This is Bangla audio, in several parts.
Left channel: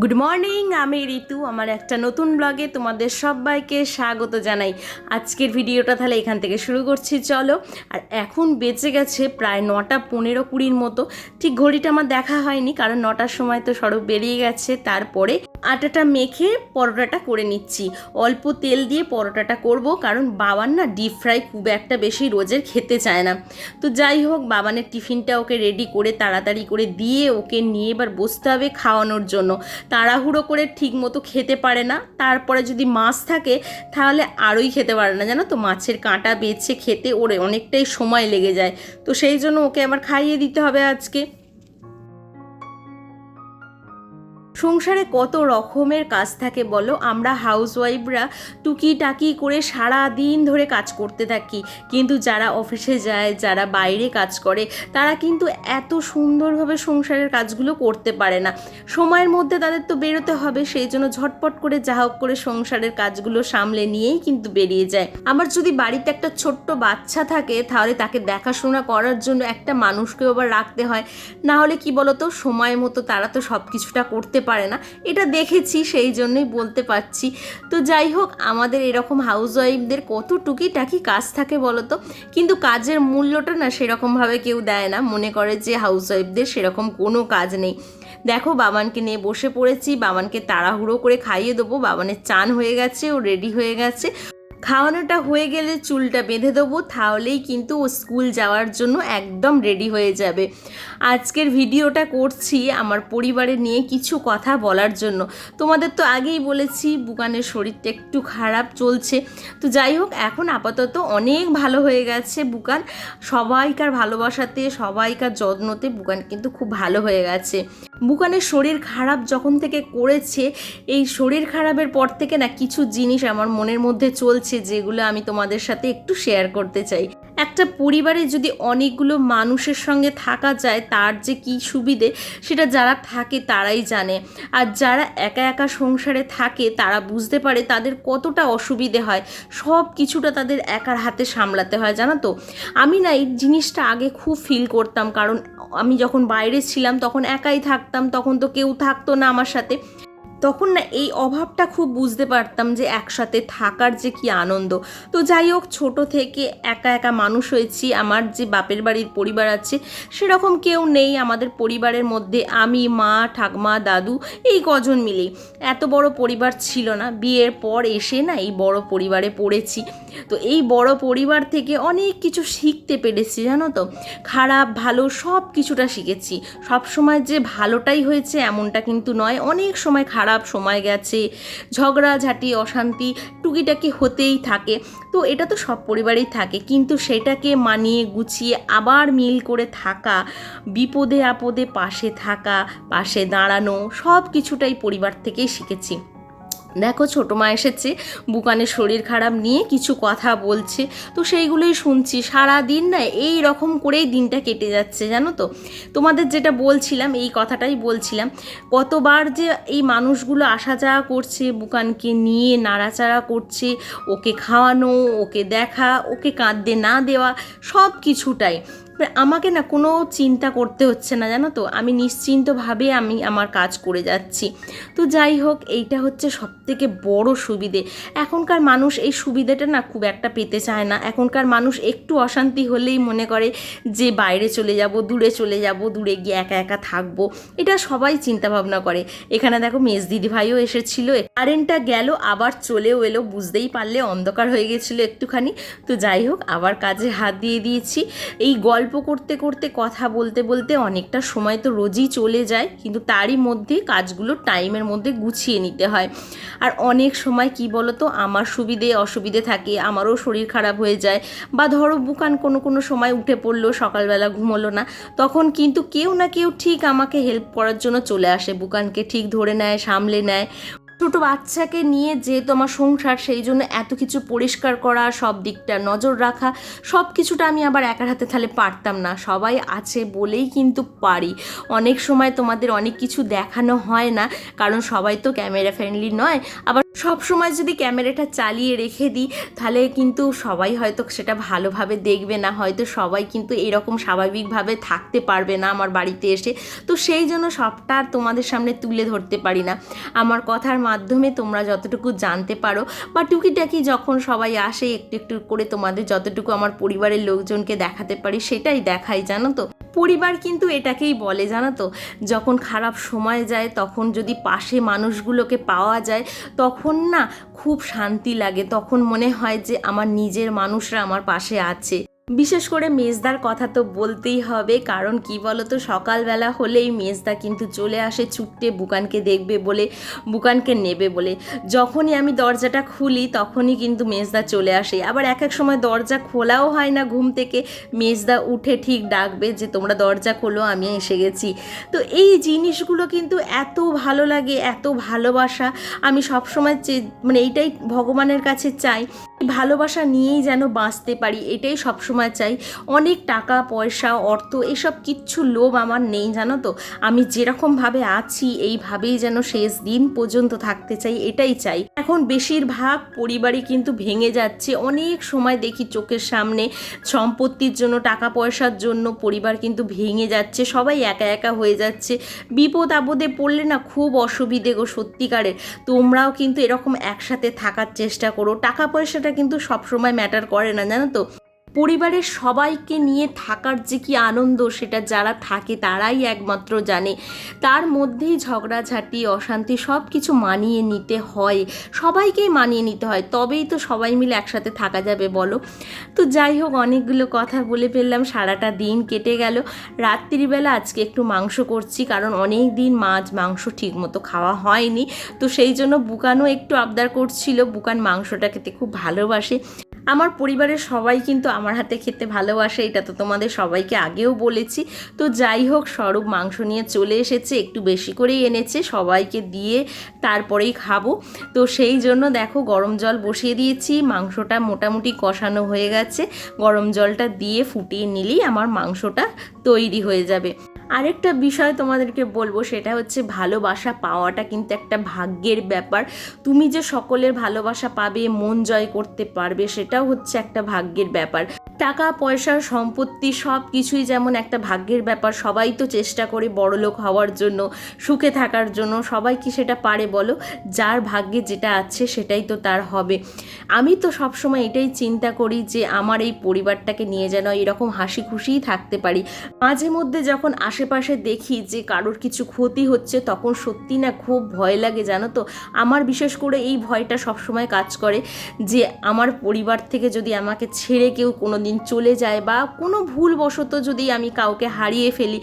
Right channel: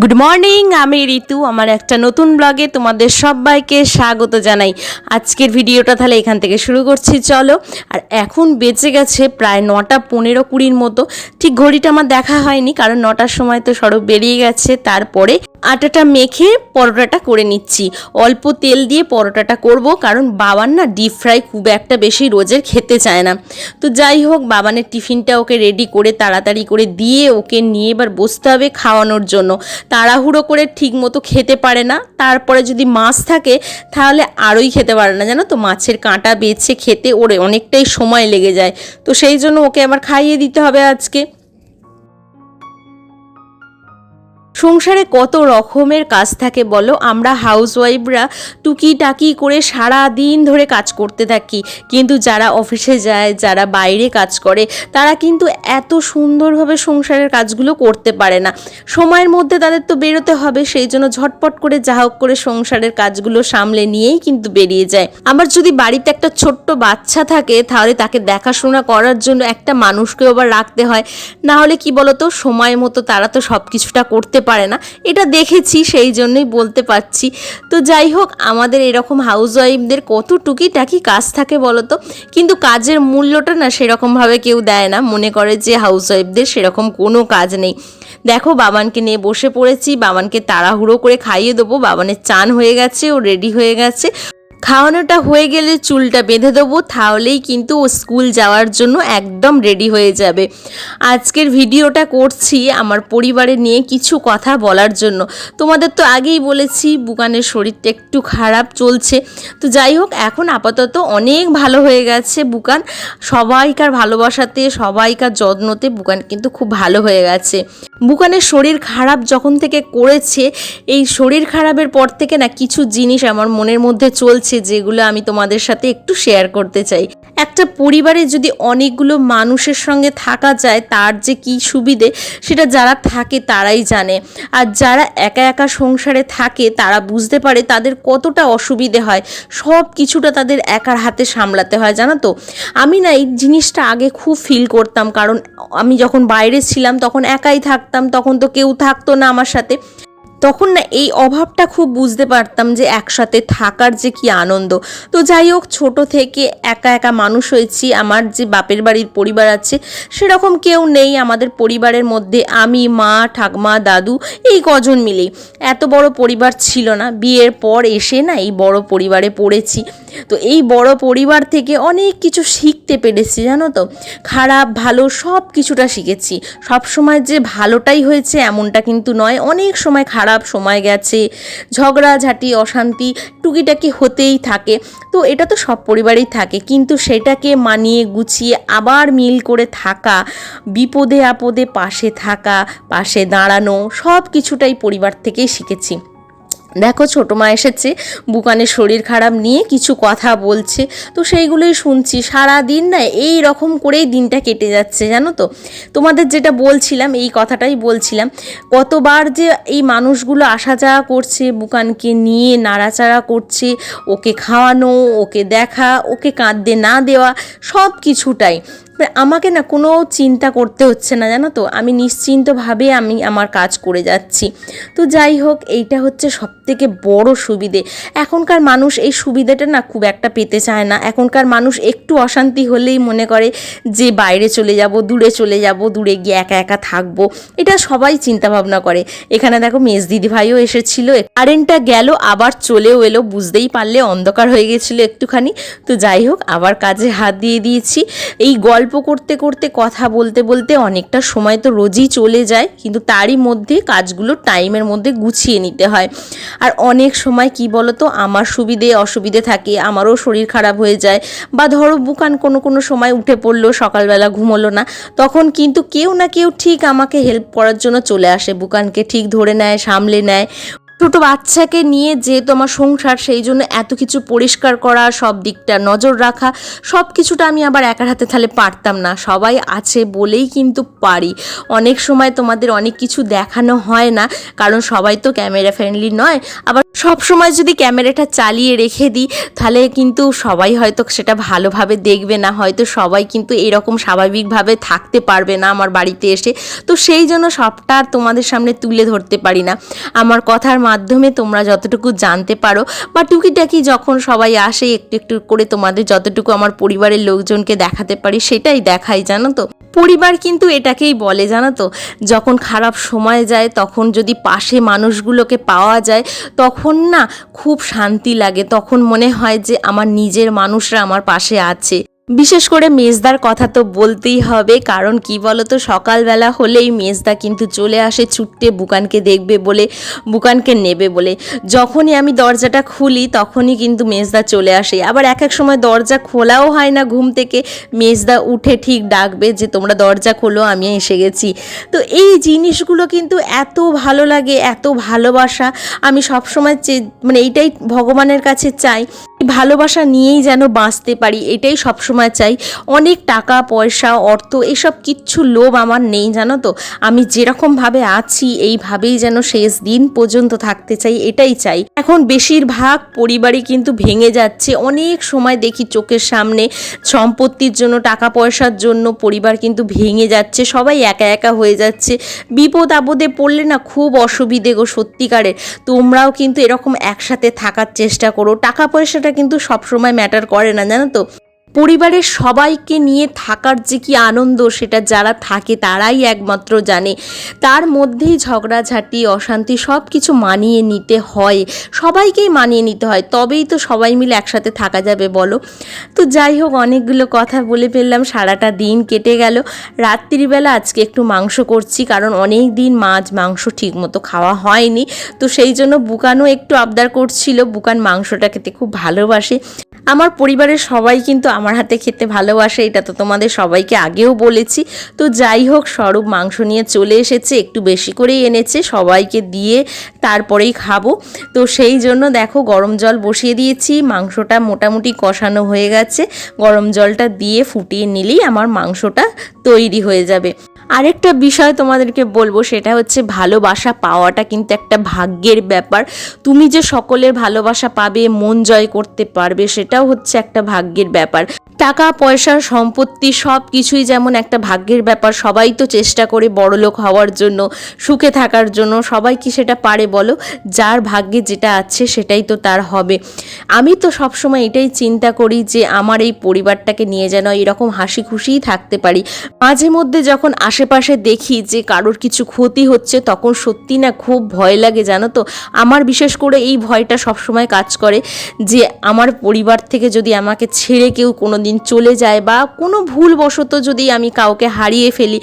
গুড মর্নিং আমি ঋতু, আমার একটা নতুন ব্লগে তোমাদের সবাইকে স্বাগত জানাই। আজকের ভিডিওটা তাহলে এখান থেকে শুরু করছি, চলো। আর এখন বেঁচে গেছে প্রায় নটা পনেরো কুড়ির মতো। ঠিক ঘড়িটা আমার দেখা হয়নি, কারণ নটার সময় তো সড়ক বেরিয়ে গেছে, তারপরে আটাটা মেখে পরোটাটা করে নিচ্ছি। অল্প তেল দিয়ে পরোটাটা করব, কারণ বাবার না ডিপ ফ্রাই খুব একটা বেশি রোজের খেতে চায় না। তো যাই হোক, বাবানের টিফিনটা ওকে রেডি করে তাড়াতাড়ি করে দিয়ে ওকে নিয়ে এবার বসতে হবে খাওয়ানোর জন্য। তাড়াহুড়ো করে ঠিক মতো খেতে পারে না। তারপরে যদি মাছ থাকে, তাহলে আরোই খেতে পারে না। জানো তো, মাছের কাঁটা বেছে খেতে ওর অনেকটাই সময় লেগে যায়। তো সেই জন্য ওকে আবার খাইয়ে দিতে হবে আজকে। সংসারে কত রকমের কাজ থাকে বলো? আমরা হাউসওয়াইফরা টুকিটাকি করে সারা দিন ধরে কাজ করতে থাকি। কিন্তু যারা অফিসে যায়, যারা বাইরে কাজ করে, তারা কিন্তু এত সুন্দরভাবে সংসারের কাজগুলো করতে পারে না। সময়ের মধ্যে তাদের তো বেরোতে হবে, সেই জন্য ঝটপট করে যা হোক করে সংসারের কাজগুলো সামলে নিয়েই কিন্তু বেরিয়ে যায়। আমার যদি বাড়িতে একটা ছোট্ট বাচ্চা থাকে, তাহলে তাকে দেখাশোনা করার জন্য একটা মানুষকেও আবার রাখতে হয়। না হলে কি বলতো? সময় মতো তারা তো সব কিছুটা করতে পারে না। এটা দেখেছি, সেই জন্যই বলতে পারছি। তো যাই হোক, আমাদের এরকম হাউস ওয়াইফদের কত টুকিটাকি কাজ থাকে বলো তো কিন্তু কাজের মূল্যটা না সেরকমভাবে কেউ দেয় না। মনে করে যে হাউস ওয়াইফদের সেরকম কোনো কাজ নেই। দেখো, বাবানকে নিয়ে বসে পড়েছি, বাবানকে তাড়াহুড়ো করে খাইয়ে দেবো। বাবানের চান হয়ে গেছে, ও রেডি হয়ে গেছে। খাওয়ানোটা হয়ে গেলে চুলটা বেঁধে দেবো, তাহলেই কিন্তু ও স্কুল যাওয়ার জন্য একদম রেডি হয়ে যাবে। আজকের ভিডিওটা করছি আমার পরিবারের নিয়ে কিছু কথা বলার জন্য। তোমাদের তো আগেই বলেছি, বুকানের শরীরটা একটু খারাপ চলছে। তো যাই হোক, এখন আপাতত অনেক ভালো হয়ে গেছে বুকান। সবাইকার ভালোবাসাতে, সবাইকার যত্নতে বুকান কিন্তু খুব ভালো হয়ে গেছে। বুকানের শরীর খারাপ যখন থেকে করেছে, এই শরীর খারাপের পর থেকে না কিছু জিনিস আমার মনের মধ্যে চলছে। যেগুলো আমি তোমাদের সাথে একটু শেয়ার করতে চাই। একটা পরিবারে যদি অনেকগুলো মানুষের সঙ্গে থাকা যায়, তার যে কি সুবিধে, সেটা যারা থাকে তারাই জানে। আর যারা একা একা সংসারে থাকে, তারা বুঝতে পারে তাদের কতটা অসুবিধে হয়। সব কিছুটা তাদের একার হাতে সামলাতে হয়, জানো তো? আমি না এই জিনিসটা আগে খুব ফিল করতাম, কারণ আমি যখন বাইরে ছিলাম, তখন একাই থাকতাম, তখন তো কেউ থাকতো না আমার সাথে। তখন না এই অভাবটা খুব বুঝতে পারতাম যে একসাথে থাকার যে কি আনন্দ। তো যাই হোক, ছোট থেকে একা একা মানুষ হয়েছি, আমার যে বাপের বাড়ির পরিবার আছে, সেরকম কেউ নেই। আমাদের পরিবারের মধ্যে আমি, মা, ঠাকমা, দাদু, এই কজন মিলেই। এত বড় পরিবার ছিল না। বিয়ের পর এসে না এই বড় পরিবারে পড়েছি। তো এই বড় পরিবার থেকে অনেক কিছু শিখতে পেরেছি, জানো তো? খারাপ, ভালো সব কিছুটা শিখেছি। সব সময় যে ভালোটাই হয়েছে এমনটা কিন্তু নয়। অনেক সময় খারাপ সময় গেছে ঝগড়াঝাটি অশান্তি টুকিটাকি হতেই থাকে। তো এটা তো সব পরিবারেই থাকে, কিন্তু সেটাকে মানিয়ে গুছিয়ে আবার মিল করে থাকা, বিপদে আপদে পাশে থাকা, পাশে দাঁড়ানো, সব কিছুটাই পরিবার থেকেই শিখেছি। দেখো ছোটো মা এসেছে, বুকানের শরীর খারাপ নিয়ে কিছু কথা বলছে, তো সেইগুলোই শুনছি। সারা দিন না এই রকম করেই দিনটা কেটে যাচ্ছে, জানো তো? তোমাদের যেটা বলছিলাম, এই কথাটাই বলছিলাম, কতবার যে এই মানুষগুলো আসা যাওয়া করছে, বুকানকে নিয়ে নাড়াচাড়া করছে, ওকে খাওয়ানো, ওকে দেখা, ওকে কাঁদতে না দেওয়া সব কিছুটাই আমাকে না কোনো চিন্তা করতে হচ্ছে না, জানো তো? আমি নিশ্চিন্তভাবে আমি আমার কাজ করে যাচ্ছি। তো যাই হোক, এইটা হচ্ছে সবথেকে বড় সুবিধে। এখনকার মানুষ এই সুবিধাটা না খুব একটা পেতে চায় না। এখনকার মানুষ একটু অশান্তি হলেই মনে করে যে বাইরে চলে যাব, দূরে চলে যাব, দূরে গিয়ে একা একা থাকব। এটা সবাই চিন্তা ভাবনা করে। এখানে দেখো মেজ দিদি ভাইও এসেছিল। কারেন্টটা গেল, আবার চলেও এলো। বুঝতেই পারলে অন্ধকার হয়ে গেছিল একটুখানি। তো যাই হোক, আবার কাজে হাত দিয়ে দিয়েছি। এই গল্প করতে করতে, কথা বলতে বলতে অনেকটা সময় তো রোজই চলে যায়, কিন্তু তারই মধ্যে কাজগুলো টাইমের মধ্যে গুছিয়ে নিতে হয়। আর অনেক সময় কি বলতো, আমার সুবিধে অসুবিধে থাকে, আমারও শরীর খারাপ হয়ে যায় বা ধরো বুকান কোনো কোনো সময় উঠে পড়ল, সকালবেলা ঘুমোলো না, তখন কিন্তু কেউ না কেউ ঠিক আমাকে হেল্প করার জন্য চলে আসে। বুকানকে ঠিক ধরে নেয়, সামলে নেয়। ছোটো বাচ্চাকে নিয়ে যে তোমার সংসার, সেই জন্য এত কিছু পরিষ্কার করা, সব দিকটা নজর রাখা, সব কিছুটা আমি আবার একার হাতে তাহলে পারতাম না। সবাই আছে বলেই কিন্তু পারি। অনেক সময় তোমাদের অনেক কিছু দেখানো হয় না, কারণ সবাই তো ক্যামেরা ফ্রেন্ডলি নয়। আবার সব সময় যদি ক্যামেরাটা চালিয়ে রেখে দিই, তাহলে কিন্তু সবাই হয়তো সেটা ভালোভাবে দেখবে না, হয়তো সবাই কিন্তু এরকম স্বাভাবিকভাবে থাকতে পারবে না আমার বাড়িতে এসে। তো সেই জন্য সবটা আর তোমাদের সামনে তুলে ধরতে পারি না। আমার কথার মাধ্যমে তোমরা যতটুকু জানতে পারো, বা টুকিটাকি যখন সবাই আসে, একটু একটু করে তোমাদের যতটুকু আমার পরিবারের লোকজনকে দেখাতে পারি, সেটাই দেখাই, জানো তো? পরিবার কিন্তু এটাকেই বলে, জানো তো? যখন খারাপ সময় যায়, তখন যদি পাশে মানুষগুলোকে পাওয়া যায়, তখন না খুব শান্তি লাগে। তখন মনে হয় যে আমার নিজের মানুষরা আমার পাশে আছে। বিশেষ করে মেজদার কথা তো বলতেই হবে, কারণ কি বলতো, সকালবেলা হলেই মেজদা কিন্তু চলে আসে ছুট্টে বুকানকে দেখবে বলে, বুকানকে নেবে বলে। যখনই আমি দরজাটা খুলি, তখনই কিন্তু মেজদা চলে আসে। আবার এক এক সময় দরজা খোলাও হয় না ঘুম থেকে। মেজদা উঠে ঠিক ডাকবে যে, তোমরা দরজা খোলো, আমি এসে গেছি। তো এই জিনিসগুলো কিন্তু এত ভালো লাগে, এত ভালোবাসা। আমি সবসময় চে মানে এইটাই ভগবানের কাছে চাই। ভালোবাসা নিয়েই যেন বাঁচতে পারি, এটাই সবসময় চাই। অনেক টাকা, পয়সা, অর্থ, এসব কিচ্ছু লোভ আমার নেই, জানো তো? আমি যেরকমভাবে আছি, এইভাবেই যেন শেষ দিন পর্যন্ত থাকতে চাই, এটাই চাই। এখন বেশিরভাগ পরিবারই কিন্তু ভেঙে যাচ্ছে। অনেক সময় দেখি চোখের সামনে সম্পত্তির জন্য, টাকা পয়সার জন্য পরিবার কিন্তু ভেঙে যাচ্ছে, সবাই একা একা হয়ে যাচ্ছে। বিপদ আপদে পড়লে না খুব অসুবিধে গো সত্যিকারের। তোমরাও কিন্তু এরকম একসাথে থাকার চেষ্টা করো। টাকা পয়সাটা কিন্তু সবসময় ম্যাটার করে না জানো তো? পরিবারের সবাইকে নিয়ে থাকার যে কি আনন্দ সেটা যারা থাকে তারাই একমাত্র জানে। তার মধ্যেই ঝগড়াঝাটি, অশান্তি সব কিছু মানিয়ে নিতে হয়। সবাইকেই মানিয়ে নিতে হয়। তবেই তো সবাই মিলে একসাথে থাকা যাবে, বলো। তো যাই হোক, অনেকগুলো কথা বলে ফেললাম। সারাটা দিন কেটে গেল। রাত্রিবেলা আজকে একটু মাংস করছি, কারণ অনেক দিন মাছ, মাংস ঠিকমতো খাওয়া হয়নি। তো সেই জন্য বুকানও একটু আবদার করছিল। বুকান মাংসটা খেতে খুব ভালোবাসে। আমার পরিবারের সবাই কিন্তু আমার হাতে খেতে ভালোবাসে, এটা তো তোমাদের সবাইকে আগেও বলেছি। তো যাই হোক স্বরূপ মাংস নিয়ে চলে এসেছে, একটু বেশি করেই এনেছে, সবাইকে দিয়ে তারপরেই খাব। তো সেই জন্য দেখো, গরম জল বসিয়ে দিয়েছি, মাংসটা মোটামুটি কষানো হয়ে গেছে। গরম জলটা দিয়ে ফুটিয়ে নিলেই আমার মাংসটা তৈরি হয়ে যাবে। আরেকটা বিষয় তোমাদেরকে বলব, সেটা হচ্ছে ভালোবাসা পাওয়াটা কিন্তু একটা ভাগ্যের ব্যাপার। তুমি যে সকলের ভালোবাসা পাবে, মন জয় করতে পারবে, সেটাও হচ্ছে একটা ভাগ্যের ব্যাপার। টাকা, পয়সা, সম্পত্তি সব কিছুই যেমন একটা ভাগ্যের ব্যাপার, সবাই তো চেষ্টা করে বড়লোক হওয়ার জন্য, সুখে থাকার জন্য, সবাই কি সেটা পারে বলো? যার ভাগ্যে যেটা আছে সেটাই তো তার হবে। আমি তো সবসময় এটাই চিন্তা করি যে, আমার এই পরিবারটাকে নিয়ে যেন এরকম হাসি খুশিই থাকতে পারি। মাঝে মধ্যে যখন আশেপাশে দেখি যে কারোর কিছু ক্ষতি হচ্ছে, তখন সত্যি না খুব ভয় লাগে, জানো তো? আমার বিশেষ করে এই ভয়টা সবসময় কাজ করে যে আমার পরিবার থেকে যদি আমাকে ছেড়ে কেউ কোনো দিন চলে যায় বা কোনো ভুলবশত যদি আমি কাউকে হারিয়ে ফেলি,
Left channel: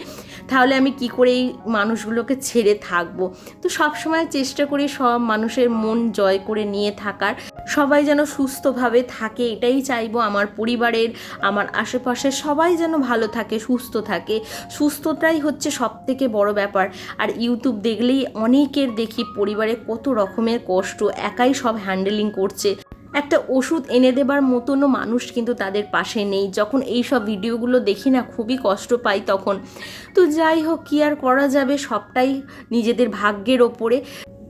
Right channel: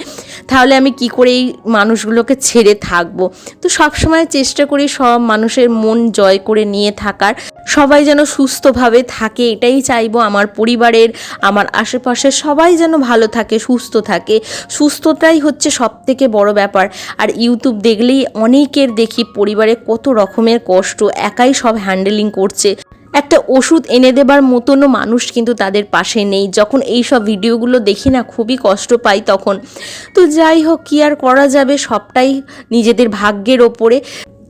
তাহলে আমি কি করে এই মানুষগুলোকে ছেড়ে থাকব? তো সবসময় চেষ্টা করি সব মানুষের মন জয় করে নিয়ে থাকার। সবাই যেন সুস্থভাবে থাকে, এটাই চাইব আমার পরিবারের, আমার আশেপাশের সবাই যেন ভালো থাকে, সুস্থ থাকে। সুস্থতাই হচ্ছে সব থেকে বড় ব্যাপার। আর ইউটিউব দেখলেই অনেকের দেখি পরিবারে কত রকমের কষ্ট, একাই সব হ্যান্ডেলিং করছে। একটা ওষুধ এনে দেবার মতনও মানুষ কিন্তু তাদের পাশে নেই। যখন এই সব ভিডিওগুলো দেখি না, খুবই কষ্ট পাই তখন। তো যাই হোক, কী আর করা যাবে? সবটাই নিজেদের ভাগ্যের ওপরে।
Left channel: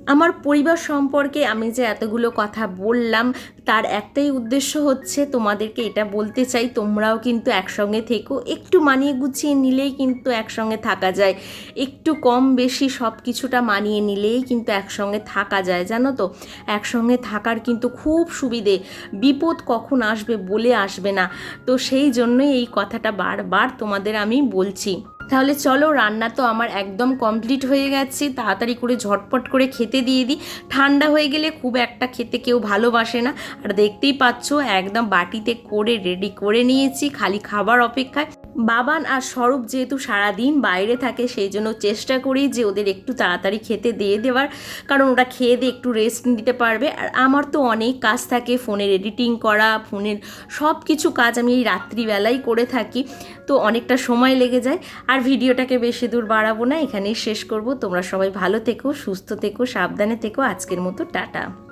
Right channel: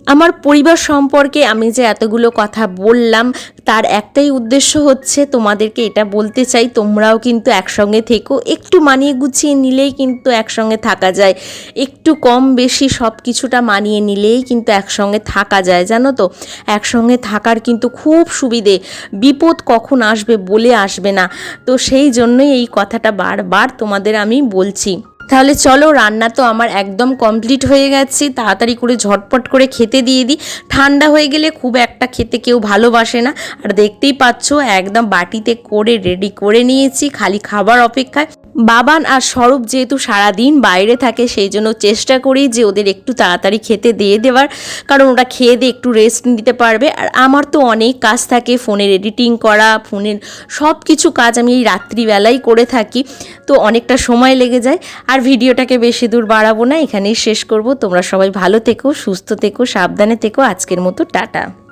আমার পরিবার সম্পর্কে আমি যে এতগুলো কথা বললাম, তার একটাই উদ্দেশ্য হচ্ছে তোমাদেরকে এটা বলতে চাই, তোমরাও কিন্তু একসঙ্গে থেকো। একটু মানিয়ে গুছিয়ে নিলেই কিন্তু একসঙ্গে থাকা যায়। একটু কম বেশি সব কিছুটা মানিয়ে নিলেই কিন্তু একসঙ্গে থাকা যায়, জানো তো? একসঙ্গে থাকার কিন্তু খুব সুবিধে। বিপদ কখন আসবে বলে আসবে না। তো সেই জন্যই এই কথাটা বারবার তোমাদের আমি বলছি। তাহলে চলো রান্না তো আমার একদম কমপ্লিট হয়ে গেছে। তাড়াতাড়ি করে ঝটপট করে খেতে দিয়ে দিই। ঠান্ডা হয়ে গেলে খুব একটা খেতে কেউ ভালোবাসে না। আর দেখতেই পাচ্ছ, একদম বাটিতে করে রেডি করে নিয়েছি। খালি খাবার অপেক্ষায়। বাবান আর স্বরূপ যেহেতু সারাদিন বাইরে থাকে, সেই জন্য চেষ্টা করি যে ওদের একটু তাড়াতাড়ি খেতে দিয়ে দেওয়ার, কারণ ওরা খেয়ে দিয়ে একটু রেস্ট নিতে পারবে। আর আমার তো অনেক কাজ থাকে, ফোনের এডিটিং করা, ফোনের সব কিছু কাজ আমি এই রাত্রিবেলাই করে থাকি, তো অনেকটা সময় লেগে যায়। আর ভিডিওটাকে বেশি দূর বাড়াবো না, এখানেই শেষ করব। তোমরা সবাই ভালো থেকো, সুস্থ থেকো, সাবধানে থেকো। আজকের মতো টাটা।